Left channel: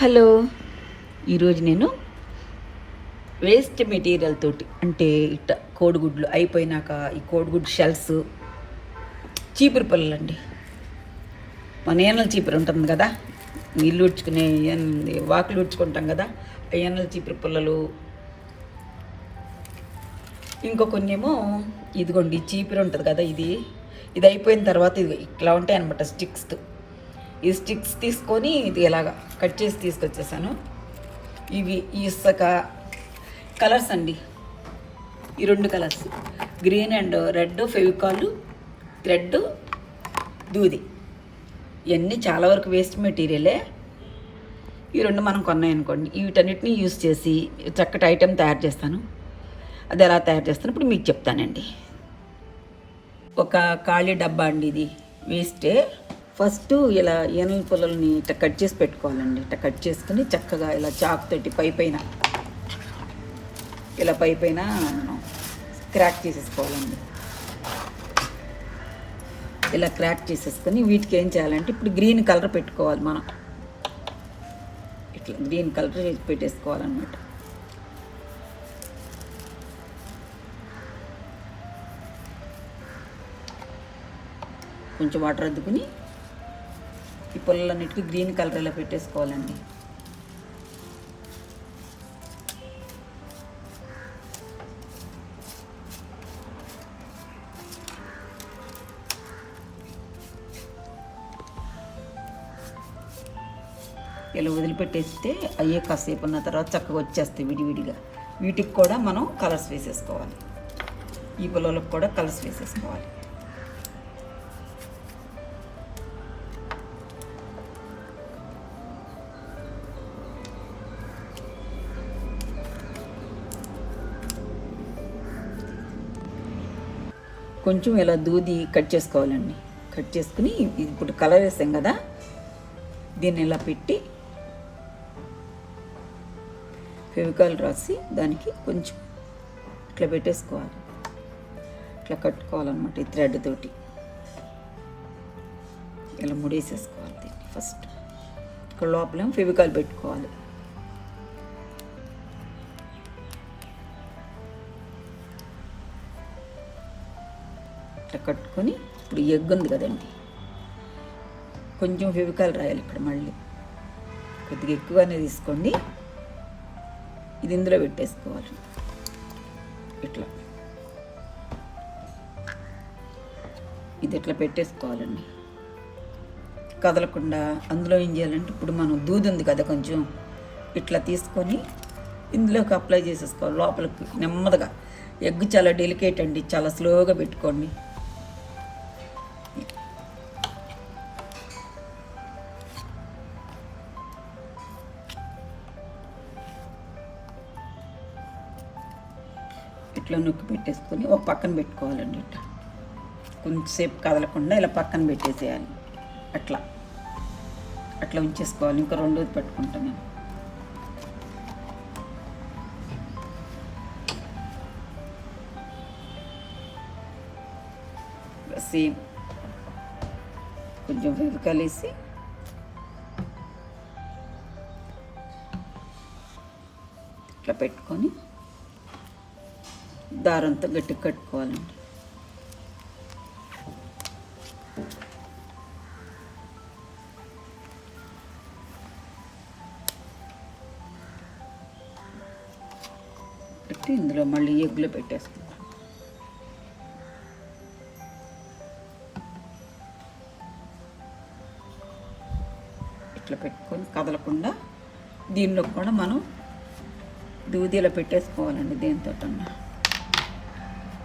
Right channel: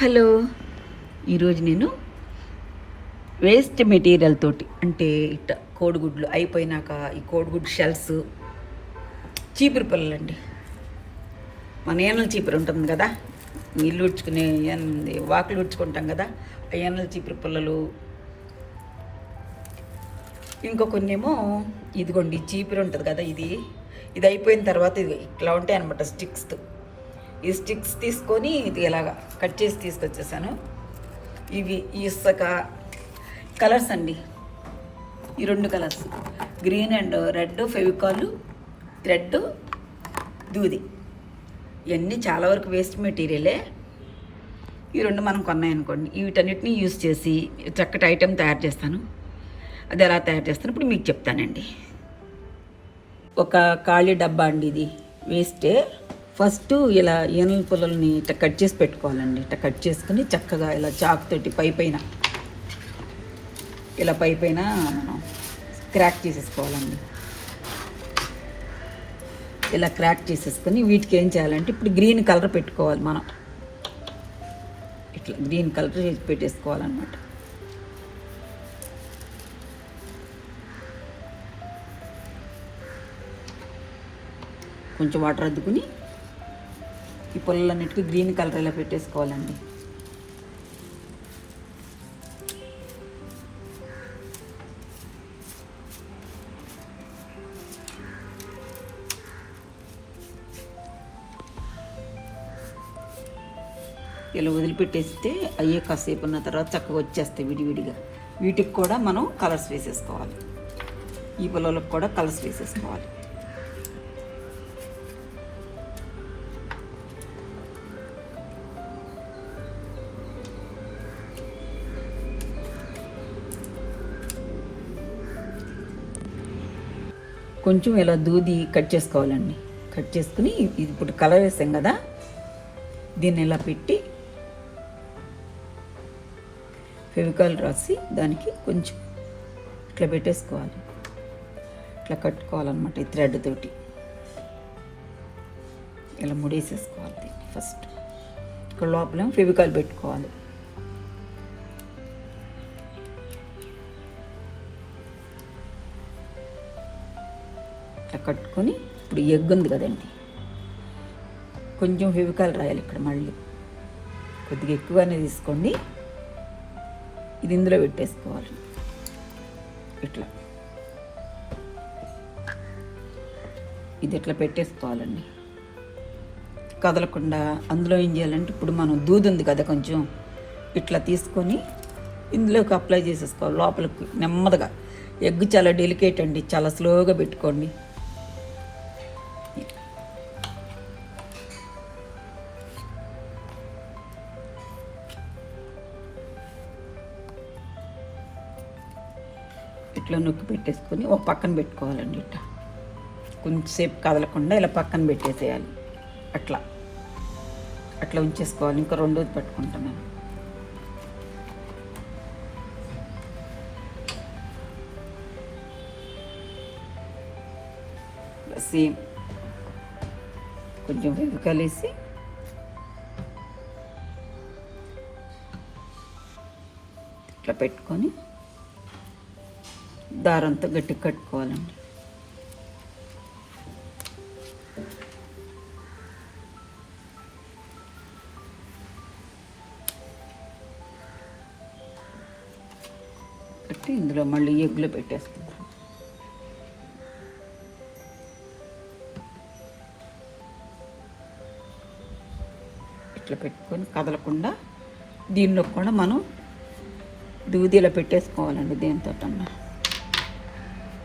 Hello. ఈరోజు నేను waste material తోటి అంటే ఇట్ట కోడిగుడ్లు అయిపోయినాక ఈ కోడిగుడ్డు షెల్స్ చీపురు పుల్లలు అండి. మన ఏనల చీపురు ఉంటుంది కదా, ఇల్లు ఉడ్చుకునే వాకిలు ఉడ్చుకుంటాం కదా, ఆ ఏనల చీపురు పుల్లలు. ఇంకో కొన్నేమో ఇదిగోండి చీపురు ఉంటుంది కదా, ఇది అయిపోయిన తర్వాత ఇది ఇట్లా ఉంటాయి అనమాట స్టిక్స్. ఈ స్టిక్స్ తీసుకొని ఇది ఇలాగా కట్ చేసి తీసుకొచ్చేసాను. ఇవి ఇసుక కలర్స్ అండి, ఈ 2 colours green and red, Fevicol, thread, దూది. ఇవన్నీ చాలా వరకు వేస్ట్ మెటీరియలే. ఈ 2 మనం కొన్నాయనుకోండి, వీటన్నిటిని యూజ్ చేసి చక్కటి ఐటెం తయారు చేస్తాను. అది ఎలా తయారు చేస్తాను ఇప్పుడు మీకు చెప్తానండి. ఒక ఖాళీ డబ్బా అండి, ఇది వేస్టే. ఫస్ట్ ఇలా ఏనుగు పుల్లల్ని ఇట్లా కట్ చేసి పెట్టుకోవాలండి. ఇట్లా కట్ చేసుకుని చక్కగా ఇలా చాక్ తోటి పైపైన మనం క్రాక్ చేసేసుకోవాలండి. ఇలా క్రాక్ చేసేసుకొని వీటికి ఏం చేయాలంటే ఇప్పుడు గ్రీన్ కలర్ పెట్టుకోవాలి మనం. ఇట్లా గ్రీన్ కలర్ పెట్టేసుకోవాలన్నమాట. కొంచెం వాటర్ అద్దుకుని ఈ పుల్లలన్నిటికీ గ్రీన్ కలర్ ఇలా పెట్టేసుకోవాలండి. ఇలా వదిలిపెట్టేస్తే అయ్యే కాసేపు ఉన్న తర్వాత చక్కగా వచ్చేస్తాయి విడివిడిగా. వీటికి కూడా మనం కలర్స్ వేసేసుకోవాలి. ఈ పుల్లలకు కూడా కలర్స్ వేసేసుకోవాలి. కొంచెం ఇలా దూది కట్ చేసుకోవాలండి. కట్ చేసుకుని ఇప్పుడు కలర్ వేసాం కదా, దీన్ని ఇలా పెట్టి ఫెవికాల్ రాసి దానికి కొంచెం ఇట్లా పెట్టేసుకోవాలి. ఇట్లా కట్టుకోవాలన్నమాట. ఈ థ్రెడ్ తోటి ఇలా ముడేసేసుకోవాలి దీన్ని. ఫస్ట్ ఇక్కడ లోపల ఫెవికాల్ పెట్టుకోవాలి. ఇట్లా కట్టుకొని ఇప్పుడు ఎగ్ ఉంది కదండి, కొంచెం ఫెవికాల్ రాయాలి ఇక్కడ. మళ్ళీ కొద్దిగా ఎక్కువగానే తీసుకోండి. ఇది ఇందులో పెట్టేసుకోవాలి. ఇట్లా ఇది ఇట్లా పెట్టేసుకోవాలండి, కదలకుండా. అందులో ఏం చేయాలంటే ఇప్పుడు మనం దూది ఉంది కదా, కొంచెం ఇట్లా తీసుకొని ఇందులోకి అప్లై చేసేసుకోవాలి లోపలికి నెమ్మదిగా. ఎగ్ చాలా డెలికేట్ అండి, చాలా స్లోగా పెట్టుకోండి. ఇట్లా నొక్కి పెట్టేసుకొని ఒక పక్కన పెట్టుకోవాలండి. ఇట్లా కొంచెంసేపు కదలకుండా ఇలా పక్కన పెట్టేసేయాలి. అట్లా అట్లా ఉంచేసుకోవాలి. ఇంకా రెండోది పెట్టుకుంటున్నాను. సేమ్ కొంచెం కలిసి ఇట్లా పెట్టుకొని దారంతో గట్టిగా కట్టుకోవాలండి. కట్టి ఇందులో మళ్ళీ ఎగ్గులో పెట్టేసుకుందాం. ఇట్లా పెట్టుకొని కదలకుండా దీనిలో కూడా మనం దూదిలో పెట్టేసుకోవాలండి. దీంతో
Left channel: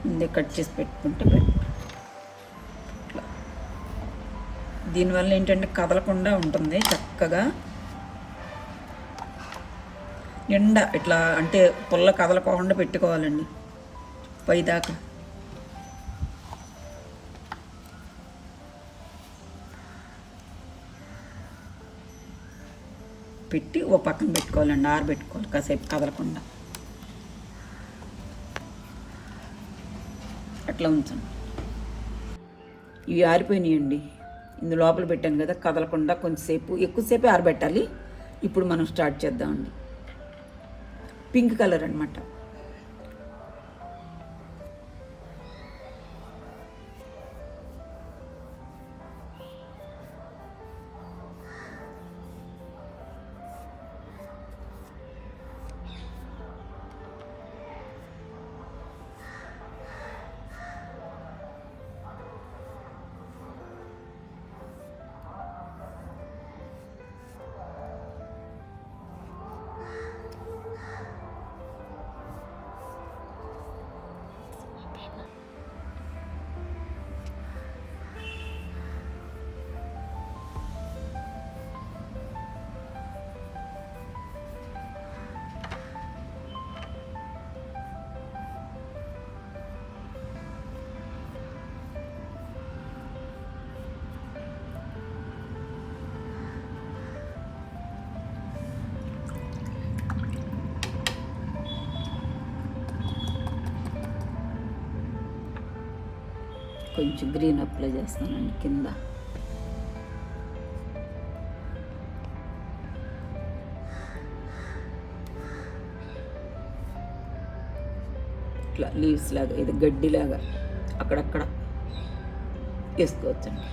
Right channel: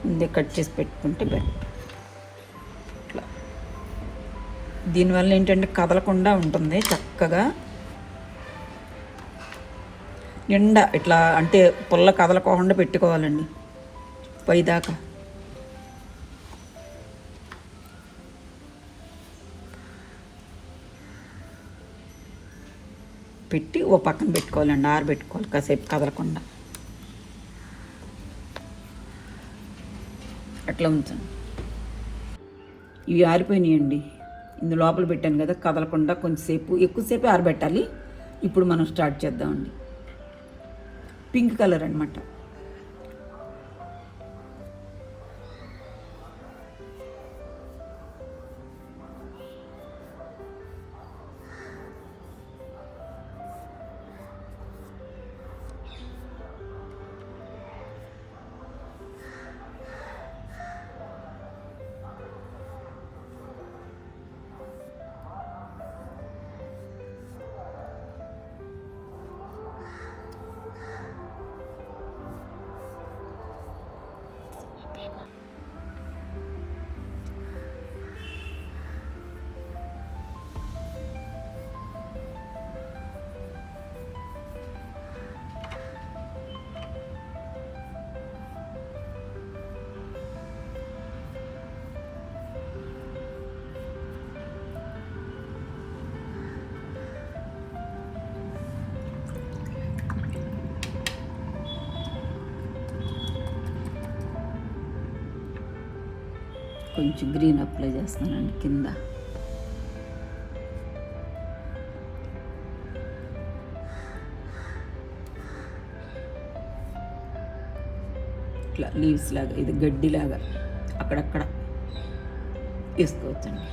ముందే కట్ చేసి పెట్టుకుంటే బెటర్. దీనివల్ల ఏంటంటే కదలకుండా ఉంటుంది చక్కగా. నిండా ఇట్లా అంటే పుల్ల కదలకుండా పెట్టుకోవాలండి పైదాకా. పెట్టి ఓ పక్కన పెట్టుకోవాలండి, ఆరబెట్టుకోవాలి కాసేపు కదలకుండా. అట్లా ఉంచండి. ఇవి ఆరిపోయినాయండి. ఇందు లోపల పెట్టాను కదా, కదలకుండా కొంచెంసేపు ఎక్కువసేపు ఆరబెట్టాలి. ఇప్పుడు మనం స్టార్ట్ చేద్దామండి. పింక్ కలర్ అనమాట. కొంచెం గ్రీన్ అప్లై చేస్తున్నాను కింద. ఇట్లా లీవ్స్ లాగా, ఇది గడ్డిలాగా అక్కడక్కడ వేసుకోవచ్చండి.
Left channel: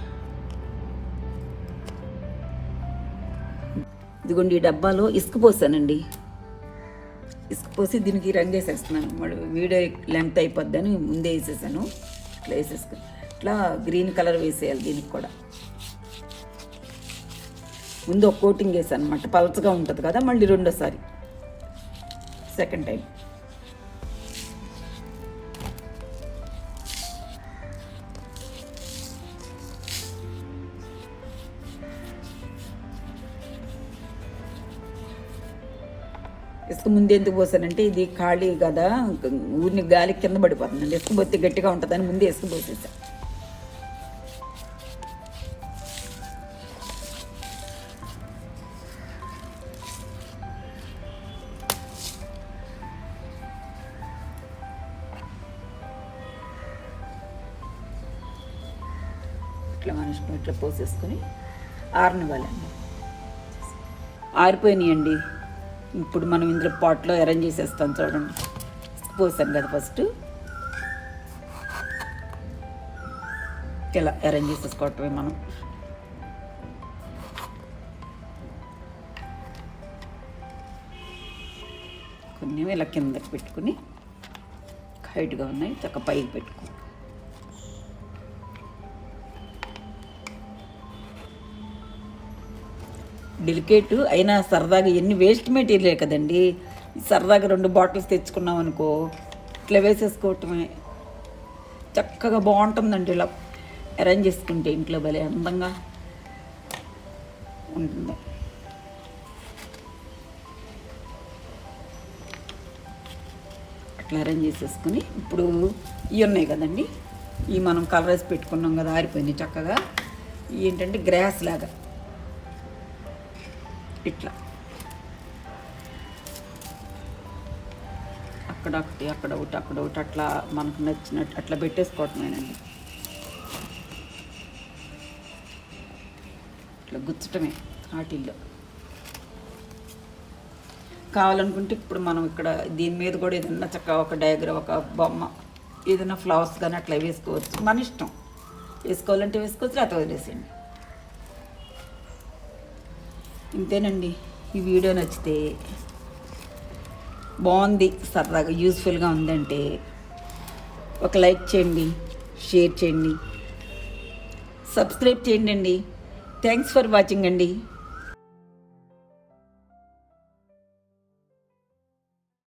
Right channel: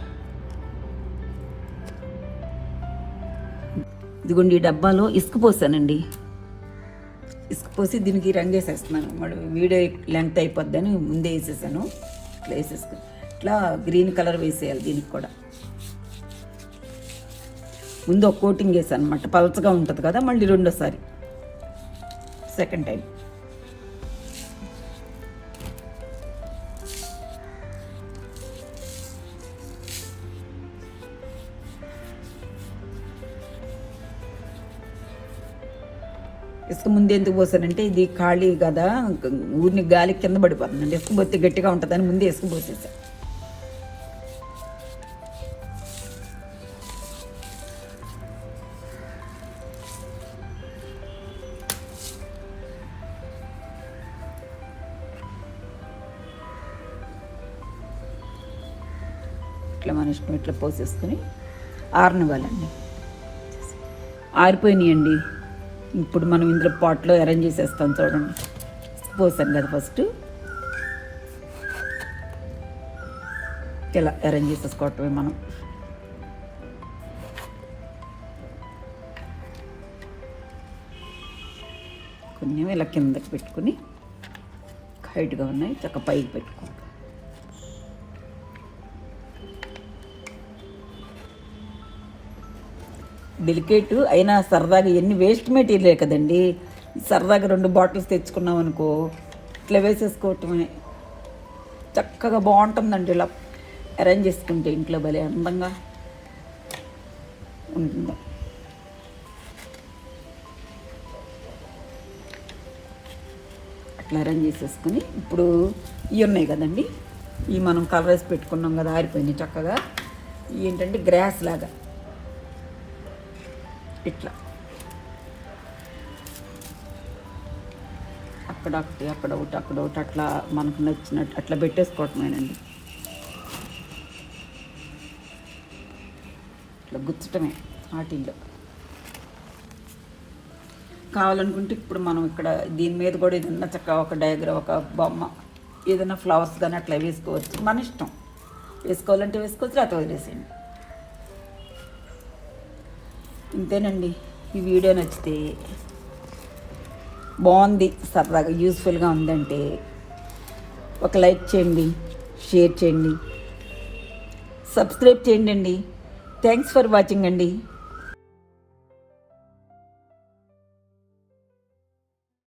ఇదిగోండి, ఈ డబ్బాలో ఇసుక పోసానండి. ఇసుక పోసి దీనికి రంగు వేసేస్తున్నాను. మళ్ళీ వీడియో లెంగ్త్ అయిపోద్దని ముందే వేసేసాను. ఇట్లా వేసేసుకుని ఇట్లా గ్రీన్ కలర్ వేసేయాలి. దీనికి కూడా ముందు ఒక కోటింగ్ వేసాను అనమాట, పలచగా ఉంటుంది కదా. మళ్ళీ రెండోసారి సెకండ్ టైం ఇసుక ముందు ఎందుకు పోసానంటే ఇది ఖాళీ కదా, ఊరిని గాలి కింద పడిపోతుందండి. ఇసుక పోతే గట్టిగా ఉంటుందని ముందే ఇసుక పోసేసాను. ఇట్లా మన ఇష్టం ఇట్లా పోసేసుకొని ఆరనివ్వాలండి. ఆరిపోయినాయండి. ఇప్పుడు మనం ఇందులో పాట్లో అరేంజ్ చేసేస్తాం. చూడండి, పోసాను కదా ఫస్ట్, ఇలా అరేంజ్ చేసేసుకోవటమే మనం. కొంచెం ఇలా కిందకి పెట్టుకుని, హైట్గా ఉన్నాయి చక్క పైకి పెట్టుకుని, డెలికేట్ అయినా సరదాగా ఎన్ని వేస్ట్ మెటీరియలే కదండి. సరదాగా 2 బాటిల్స్ తెచ్చుకున్నాం అనుకో, ఇట్లా వేసేసుకోవటమే చక్కగా బాగుంటుందండి. ఇలా అరేంజ్ చేసుకుంటే ఇంట్లో భలే అందంగా ఉంటుంది. అట్లా అరేంజ్ చేసేసుకుని, ఇప్పుడు ఇవి ఉన్నాయి కదండి, ఇవి మనం కలర్ వేసి పెట్టుకున్నాం కదా, ఆరిపోయినాయి చక్కగా. ఏంటంటే గ్రాస్ లాగా ఇట్లా అక్కడ ఒకటి అక్కడ ఒకటి అక్కడ ఒకటి అట్లా మనకు నచ్చినట్టు అట్లా పెట్టేసుకోవటమేనండి. ఇట్లా గుచ్చటమే వాటిల్లో. కావాలనుకుంటే ఇప్పుడు మనం ఇక్కడ దీని మీద కూడా ఏదన్నా చక్కగా ఒక డయాగ్రామ్, ఒక బొమ్మ, ఏదైనా ఫ్లవర్స్ కానీ అట్లా వేసుకోవచ్చు. మన ఇష్టం, వేసుకోవాలంటే వేసుకోవచ్చు, లేకపోతే వదిలేసేయండి. ఇంతేనండి. ఈ వీడియో నచ్చితే, బాగుంది, సరదాగా యూస్ఫుల్గా ఉందంటే ఒక లైక్ చేయండి, షేర్ చేయండి, సబ్స్క్రైబ్ చేయండి అండి. థ్యాంక్స్ ఫర్ వాచింగ్ అండి.